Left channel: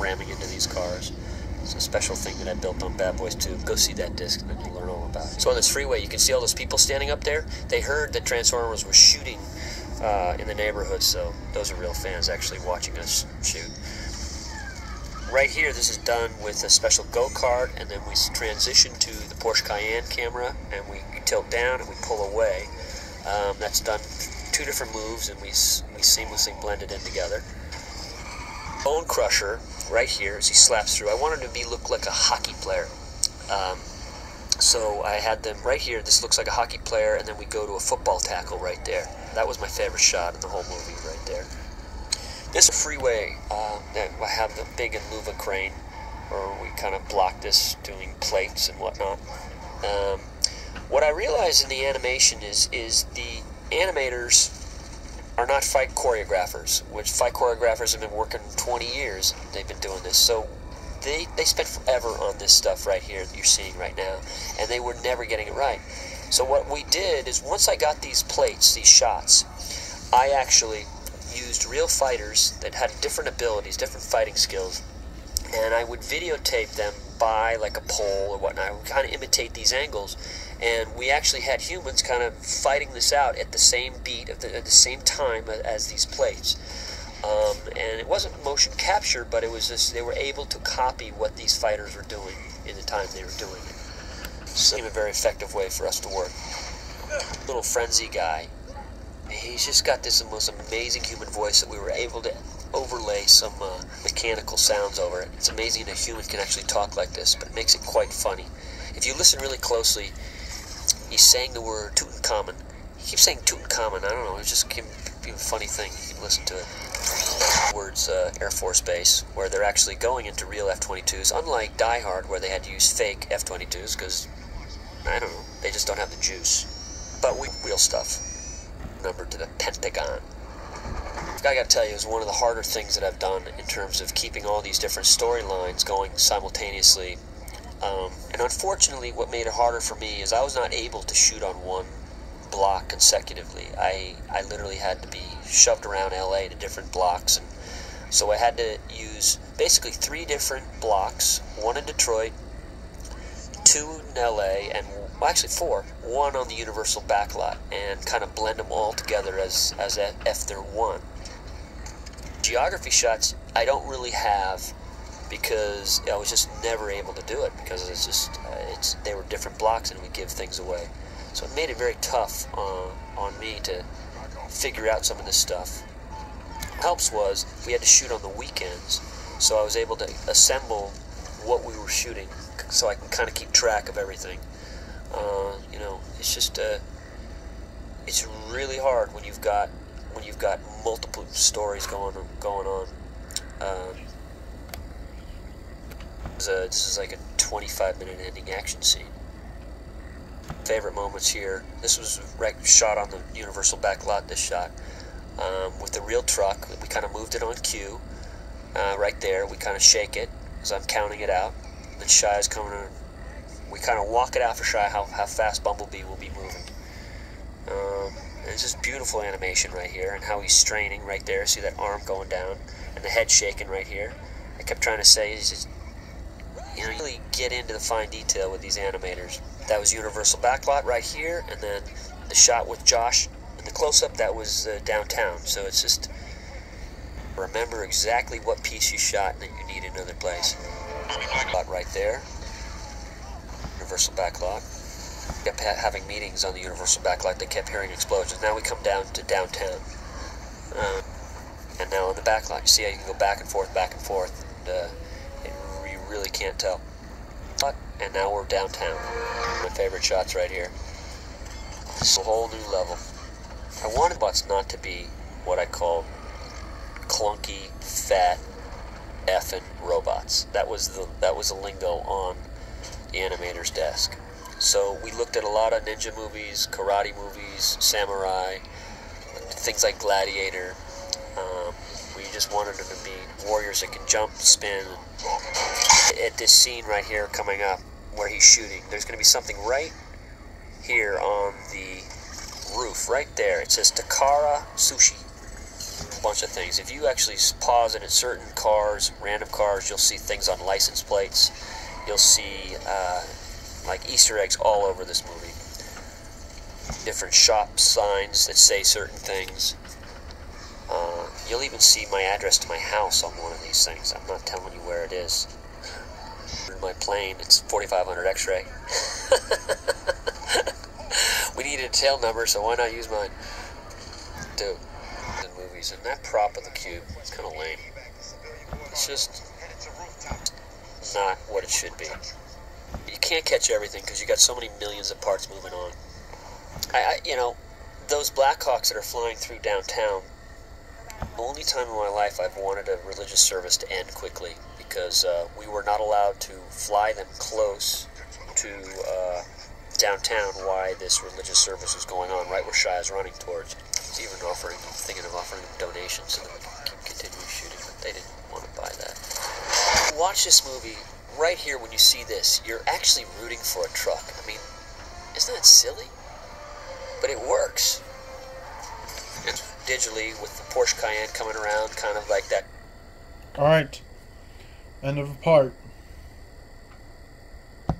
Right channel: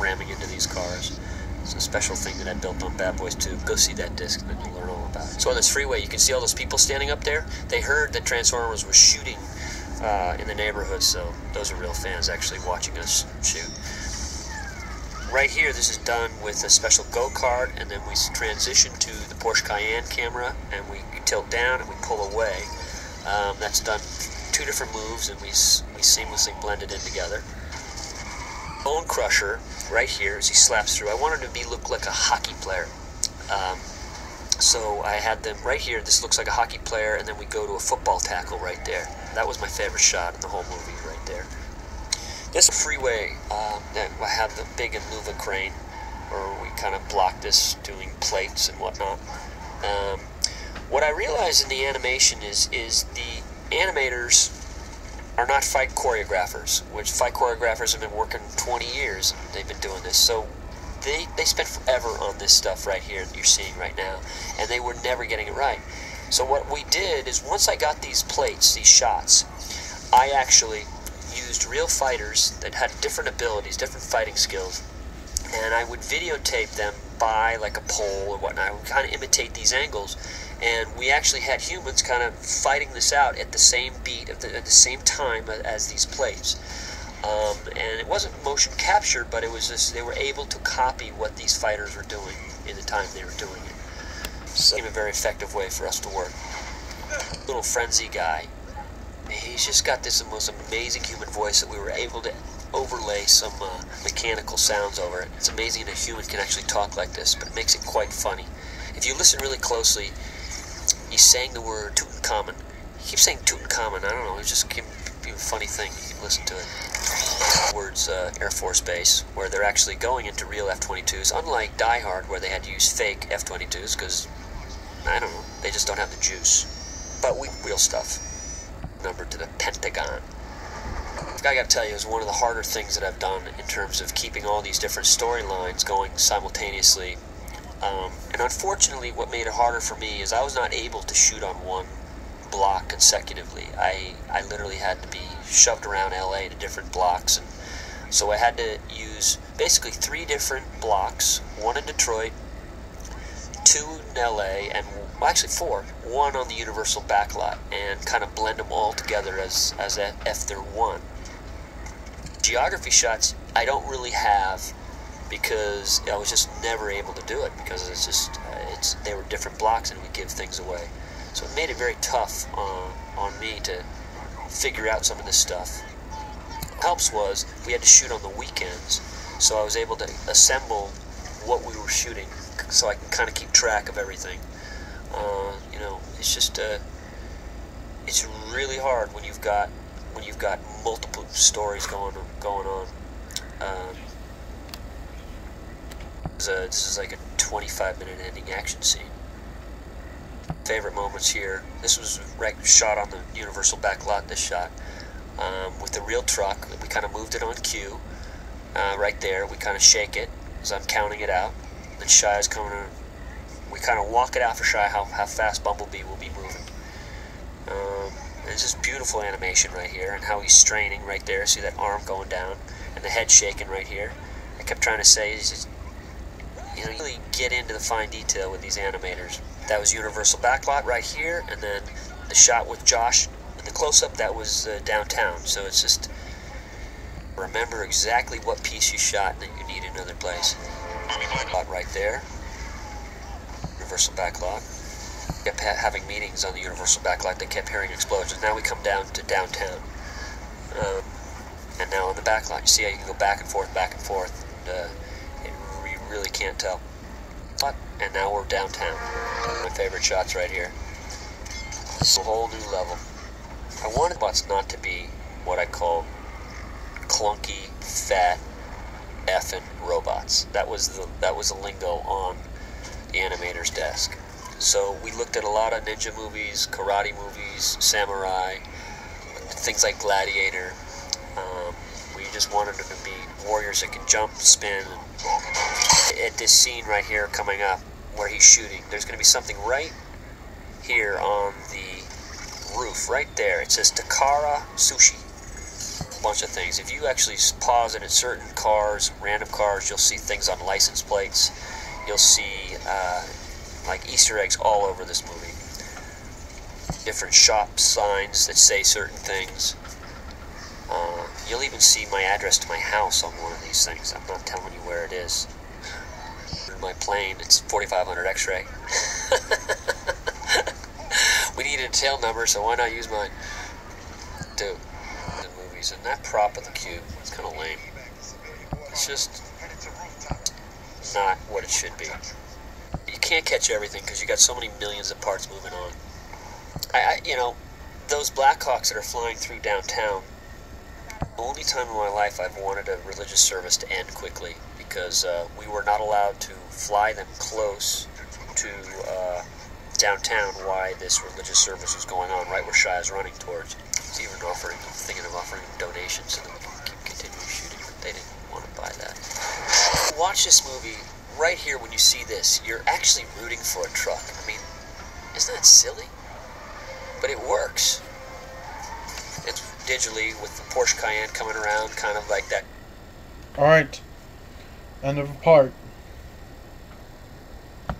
ramming into these cars. It's a special thing that I built on Bad Boys 2. Go see that disc and then you'll learn all about it. So on this freeway, you can see all those people standing up there. They heard that Transformers was shooting in the neighborhood, so those are real fans actually watching us shoot. Right here, this is done with a special go-kart, and then we transition to the Porsche Cayenne camera, and we tilt down and we pull away. That's done 2 different moves, and we seamlessly blend it in together. Bone Crusher, right here, as he slaps through, I wanted to look like a hockey player. So I had them right here. This looks like a hockey player, and then we go to a football tackle right there. That was my favorite shot in the whole movie right there. This freeway, I have the big Inluva crane, where we kind of block this doing plates and whatnot. What I realized in the animation is the animators are not fight choreographers, which fight choreographers have been working 20 years. They've been doing this. So they spent forever on this stuff right here that you're seeing right now, and they were never getting it right. So what we did is, once I got these plates, these shots, I actually used real fighters that had different abilities, different fighting skills, and I would videotape them by like a pole or whatnot. I would kind of imitate these angles, and we actually had humans kind of fighting this out at the same beat, at the same time as these plates. And it wasn't motion capture, but it was just, they were able to copy what these fighters were doing in the time they were doing it. So it became a very effective way for us to work. Little frenzy guy, he's just got this most amazing human voice that we were able to overlay some mechanical sounds over it. It's amazing that a human can actually talk like this, but it makes it quite funny. If you listen really closely, he's saying the word Tutankhamun. He keeps saying Tutankhamun. I don't know, it just became a funny thing. You can listen to it. Words Air Force Base, where they're actually going into real F-22s, unlike Die Hard, where they had to use fake F-22s, because, I don't know, they just don't have the juice. But real stuff. Number to the Pentagon. I gotta tell you, it was one of the harder things that I've done in terms of keeping all these different storylines going simultaneously. And unfortunately, what made it harder for me is I was not able to shoot on one block consecutively. I literally had to be shoved around LA to different blocks, and so I had to use basically 3 different blocks, 1 in Detroit, 2 in LA, and well, actually 4, 1 on the Universal backlot, and kind of blend them all together as if they're one. Geography shots I don't really have, because I was just never able to do it, because it's just they were different blocks and we give things away. So it made it very tough on me to figure out some of this stuff. What helps was we had to shoot on the weekends, so I was able to assemble what we were shooting, so I can kind of keep track of everything. You know, it's just it's really hard when you've got multiple stories going on. This is like a 25-minute ending action scene. Favorite moments here. This was shot on the Universal backlot. This shot with the real truck. We kind of moved it on cue. Right there, we kind of shake it as I'm counting it out. Then Shia's coming in. We kind of walk it out for Shia how fast Bumblebee will be moving. And it's just beautiful animation right here, and how he's straining right there. See that arm going down and the head shaking right here. I kept trying to say, is just, you know, you really get into the fine detail with these animators. That was Universal backlot right here, and then the shot with Josh in the close-up, that was downtown. So it's just remember exactly what piece you shot and then you need another place. Right there, Universal backlot. Kept having meetings on the Universal backlot. They kept hearing explosions. Now we come down to downtown, and now on the backlot, you see how you can go back and forth, and you really can't tell. And now we're downtown. My favorite shots right here. This is a whole new level. I wanted bots not to be what I call clunky, fat, effing robots. That was the lingo on the animator's desk. So we looked at a lot of ninja movies, karate movies, samurai, things like Gladiator. We just wanted them to be warriors that can jump, spin. At this scene right here coming up, where he's shooting, there's going to be something right here on the roof, right there. It says Takara Sushi. bunch of things. If you actually pause it at certain cars, random cars, you'll see things on license plates. You'll see like Easter eggs all over this movie. Different shop signs that say certain things. You'll even see my address to my house on one of these things. I'm not telling you where it is. My plane, it's 4500 X-ray. We needed a tail number, so why not use mine? Dude, in movies, and that prop of the cube, it's kind of lame. It's just not what it should be. You can't catch everything because you got so many millions of parts moving on. You know, those Blackhawks that are flying through downtown, the only time in my life I've wanted a religious service to end quickly, because we were not allowed to fly them close to downtown while this religious service was going on, right where Shia is running towards. I was even thinking of offering them donations so that we can keep continuing shooting, but they didn't want to buy that. Watch this movie right here. When you see this, you're actually rooting for a truck. I mean, isn't that silly? But it works. It's digitally with the Porsche Cayenne coming around, kind of like that. Alright. End of a part.